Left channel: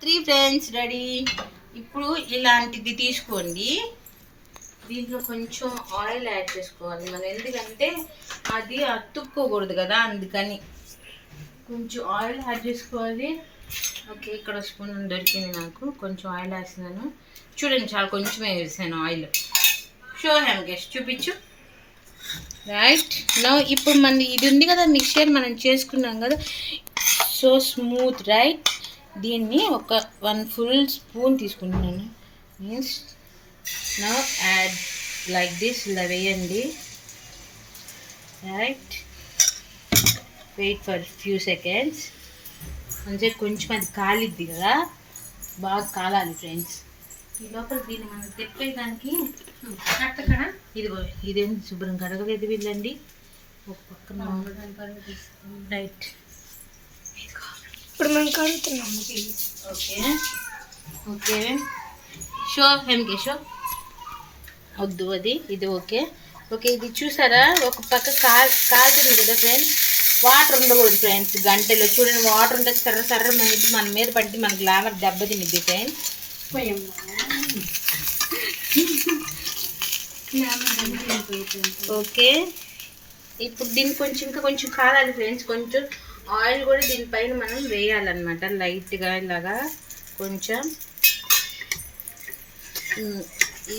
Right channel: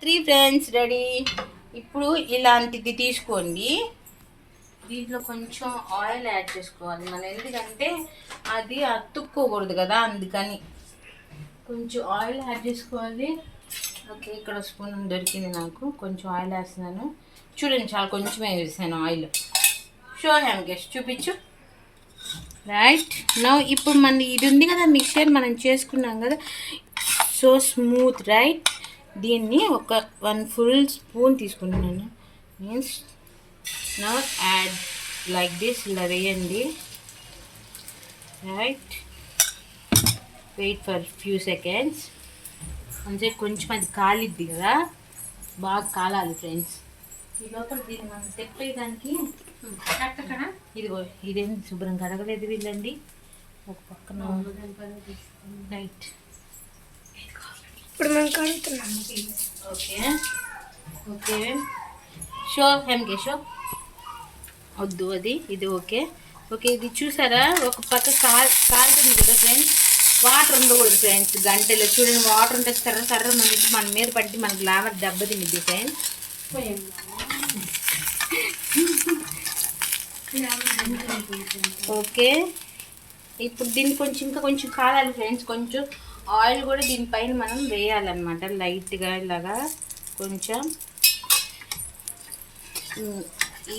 3 friends ready. ఇప్పుడు ఇలాంటిది తీసుకోండి. దీంట్లో కొంచెం ఆయిల్ యాడ్ చేసుకోవాలి మనం, ఎందుకంటే అది అతుక్కోకూడదు కదా, అందుకని కొంచెం ఆయిల్ యాడ్ చేసుకోవాలి. ఓకే, ఇక్కడ స్పూన్ దొరికింది నాకు, కొంచెం ఆయిల్ వేస్తున్నాను. చూడండి, చాలా కొంచెమే వేసాను ఆయిల్. షో హ్యామ్ గెస్ట్ చూపించు. రైట్ నౌ ఇప్పుడు మన ఇది ఉంది కదా మిక్చర్, మనం చేసుకున్నాం కదా, సో స్మూత్ రైట్. దీన్ని ఒక 1 ఫుల్ స్పూన్ తీసుకుంటున్నాను. Means now add like this, ఇలా వేయండి. Right, wait for few seconds. అంటే కొంచెం అది కాలిద్ది కదా, బాగా కాలాలి ఫ్రెండ్స్. ఈ లోపల దీన్ని మనం తెప్పేదానికి ఇదిగో ఇదేం శుభ్రం కడగలేదు వీళ్ళండి, ఒక పక్కన. రైట్, ఇప్పుడు మనం కడుగుతున్నాం. ఓకే ఓకే, షో హెమ్కే షో వద్దు, అది ఇది ఓకే ఓకే. ఇది చూసారా, ఒక పక్క కాలుతుంది కదా ఫ్రెండ్స్. వాటర్ ఉండకూడదు ఫ్రెండ్స్ గంటలో. చూడండి, వాటర్ ఉంటే సర్ర సర్ర మనకి మన మీద పట్టి మన గ్లామర్ దెబ్బతినిద్ది ఫ్రెండ్స్. ఓకే, ఇప్పుడు దీన్ని కొంచెం ఇంకా కొంచెం కాలాలి ఫ్రెండ్స్. కొంచెం ఆయిల్ కూడా దీనిపైన మనం వేయాలన్నమాట, లైట్గా ఇలాగా కొంచెం.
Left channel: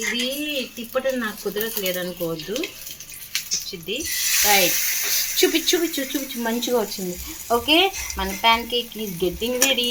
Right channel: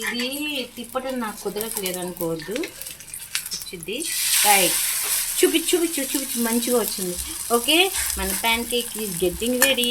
ఇది తిప్పటం నాకు కుదరట్లేదు అనుకోవద్దు, వచ్చింది. రైట్, చూపించు మంచిగా వచ్చింది. ఓకే, మన pan cake is getting ready.